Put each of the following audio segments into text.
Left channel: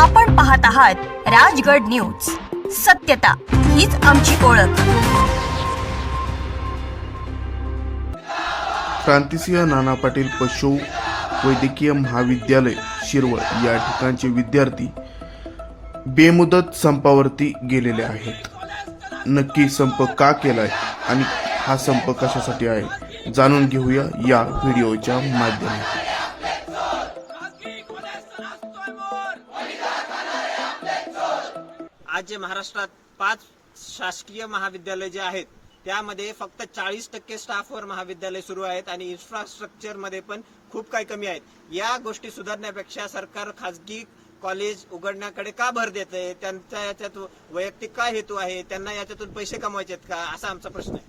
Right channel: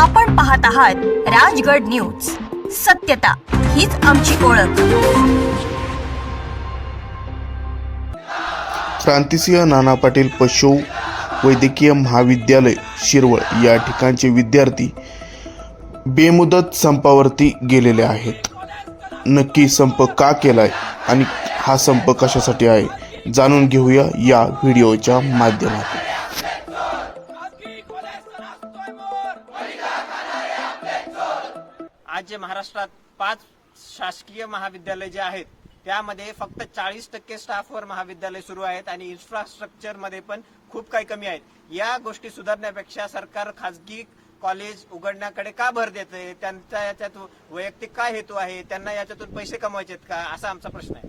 आपण पाहत आहात राजगड न्यूज. सत्यता हीच आमची ओळख. क्रांतिसिंह नाना पाटील पशु वैद्यकीय महाविद्यालय शिरवळ या ठिकाणचे विद्यार्थी बेमुदत संपावरती गेलेले आहेत. नक्की संप का केलाय आणि हा संप कशासाठी आहे जाणून घेऊया या व्हिडिओच्या माध्यमातून. आज जे महाराष्ट्रात पाच शासकीय महाविद्यालय जे आहेत त्यामध्ये फक्त चाळीस टक्के स्टाफवर महाविद्यालय सुरू आहेत आणि इन्फ्रास्ट्रक्चरमध्ये पण खूप काही कमी आहेत. या गोष्टी सुधारण्यापेक्षा सरकार खासगी कॉलेज उघडण्याकडे का भर देते त्यांचा याच्यात वैयक्तिक काय हेतू आहे? त्यांना याच्यातून पैसे कमवायचे आहेत का? असा आमचा प्रश्न आहे.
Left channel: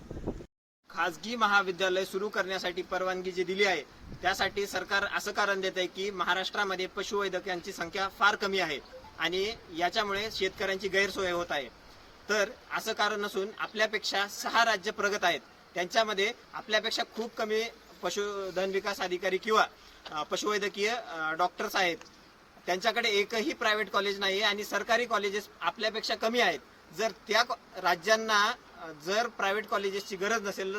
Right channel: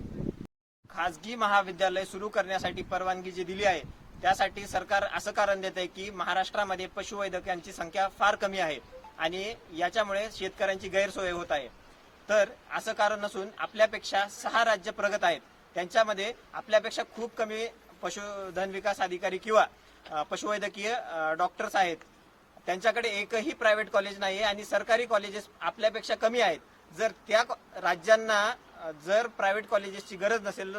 खासगी महाविद्यालय सुरू करण्यासाठी परवानगी जी दिली आहे त्यासाठी सरकार असं कारण देत आहे की महाराष्ट्रामध्ये पशुवैद्यकांची संख्या फार कमी आहे. आणि याच्यामुळे शेतकऱ्यांची गैरसोय होत आहे. तर असं कारण नसून आपल्यापेक्षा सहा राज्य प्रगत आहेत. त्यांच्यामध्ये आपल्यापेक्षा खूप कमी पशुधन विकास अधिकारी किंवा पशुवैद्यकीय डॉक्टर्स आहेत. त्यांच्याकडे एकही प्रायव्हेट कॉलेज नाही आहे आणि सरकारी कॉलेजेस आपल्यापेक्षा कमी आहेत. जर त्या राज्यांना जर प्रायव्हेट कॉलेजेसची गरज नसेल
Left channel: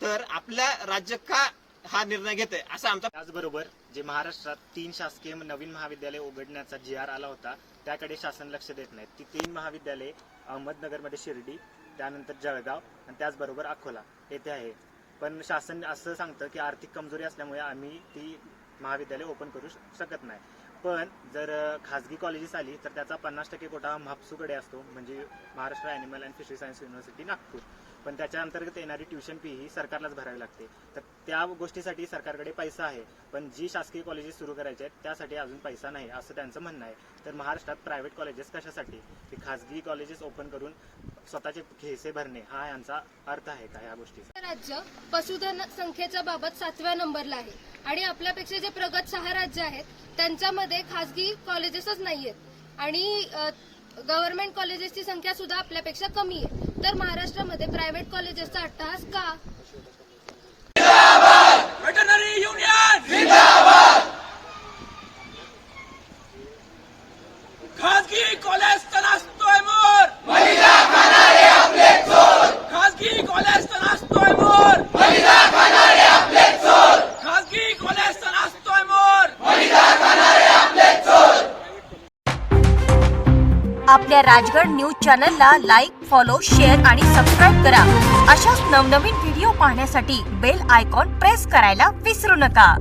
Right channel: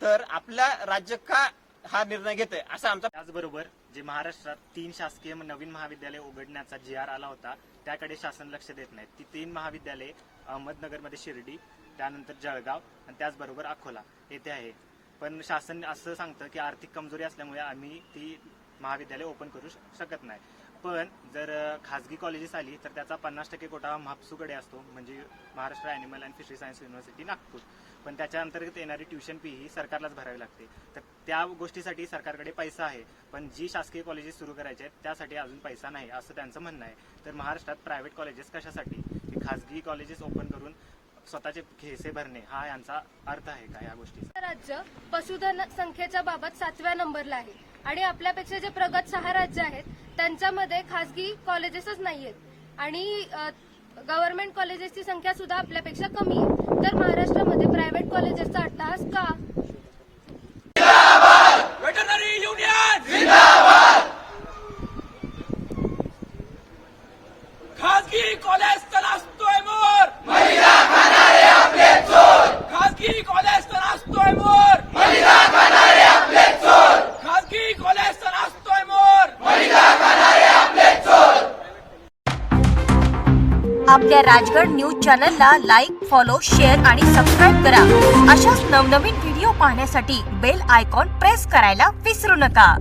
तर आपल्या राज्य का हा निर्णय घेते असा आमचा त्याचबरोबर जे महाराष्ट्रात तीन शासकीय नवीन महाविद्यालय उघडण्याचा जी आर आला होता त्याकडे शासन लक्ष देत नाही. ती तीन महाविद्यालये अहमदनगरमध्ये शिर्डी त्यानंतर जळगाव आणि त्याचबरोबर अकोला. येथे आहे. पण शासन असं सांगतं की आर्थिक कमजोरी असल्यामुळे आम्ही ती महाविद्यालय ओपन करू शकत नाही. पण जर खाजगी कॉलेजेस आली तर त्याचा पन्नास टक्के कोटा म्हापसूकडे असतो म्हणजे Maharashtra animal and fishery science university Nagpur. पण त्याच्या अंतर्गत येणारी ट्युशन फी ही सरकारलाच भरावी लागते. तर त्या गोष्टीसाठी सरकारकडे पैसा आहे. पण जी शासकीय कॉलेजेस सुरू करायचे आहेत त्यासाठी अजून पैसा नाही असं त्यांचं म्हणणं आहे. तर महाराष्ट्रात प्रायव्हेट कॉलेजेस कशासाठी? की खासगी कॉलेजेस ओपन करून स्वतःचे खेसे भरणे हा यांचा अर्थ आहे का या गोष्टी राज्य पशुधन संख्येच्या बाबत सातव्या नंबरला आहे. आणि आपल्यापेक्षा जे प्रगत सहा राज्य आहेत त्यांच्यामध्ये खासगी कॉलेजेसच नाहीयेत. आणि गव्हर्नमेंट कॉलेजेसची संख्या सुद्धा आपल्यापेक्षा कमी आहे. तर महाराष्ट्र कॉलेजेसचा टास्क का? आपल्या राजगड न्यूज चॅनलला लाईक फॉलो शेअर आणि सबस्क्राईब करा. अशाच नवनवीन व्हिडिओ पाहण्यासाठी बेल आयकॉन प्रेस करायला विसरू नका.